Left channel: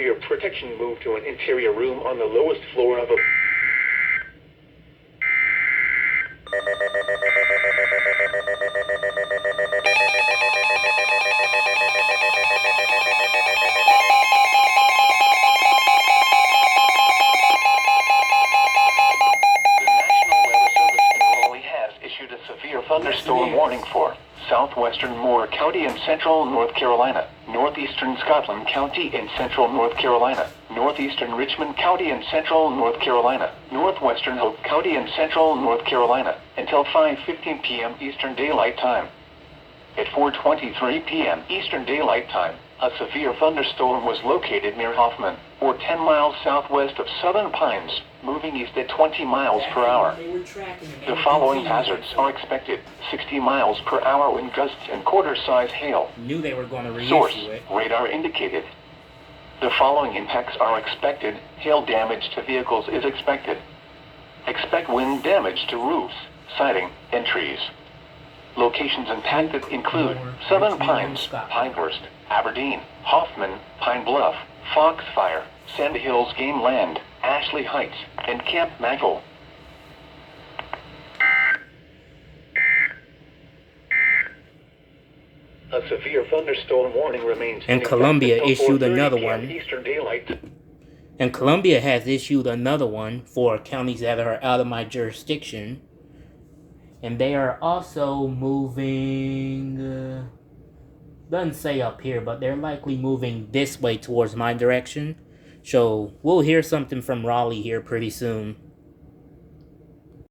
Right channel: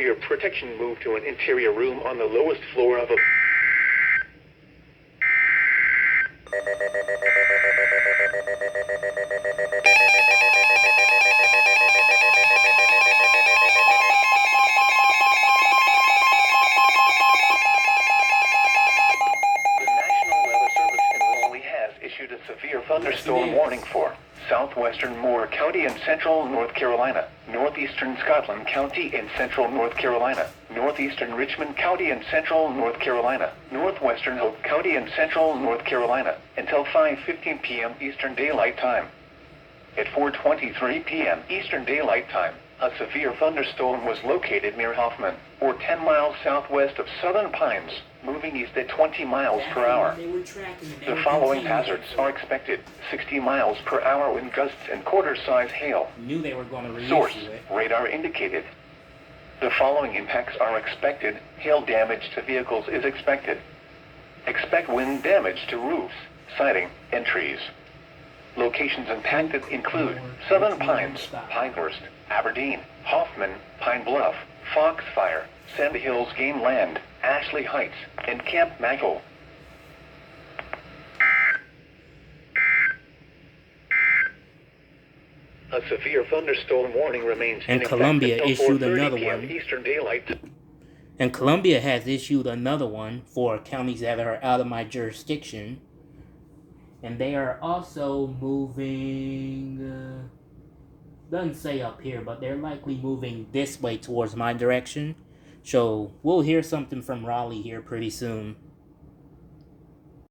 For your protection, move to an interior room on the lowest floor of a... Issued a severe thunderstorm warning for southwestern Moore County in central North Carolina, northeastern Scotland County in central North Carolina, northeastern Richmond County in central North Carolina, northwestern Hope County in central North Carolina, until 5:15 p.m. Eastern Daylight Time. At 4:23 p.m. Eastern Daylight Time, a severe thunderstorm was located near Hoffman, or 10 miles southwest of Southern Pines, moving east at 20 miles per hour. The following hazards are expected: 60 miles per hour wind gusts and quarter-size hail. Knew they were going to reissue Source: it. radar indicated. The following impacts are expected: hail damage to vehicles is expected. Expect wind damage to roofs, siding, and trees. Locations impacted include Southern Pines, Pinehurst, Aberdeen, Hoffman, Pine Bluff, Foxfire, Sand Hills Game Land, Ashley Heights, and Camp Maggle. A severe thunderstorm warning remains. And Columbia issued another one. Eastern Daylight. And Columbia has issued another one for counties that are out of my jurisdiction. And they are also moving, doesn't say up here, but they're likely moving this way towards my direction. So we'll hear something from Raleigh here pretty soon.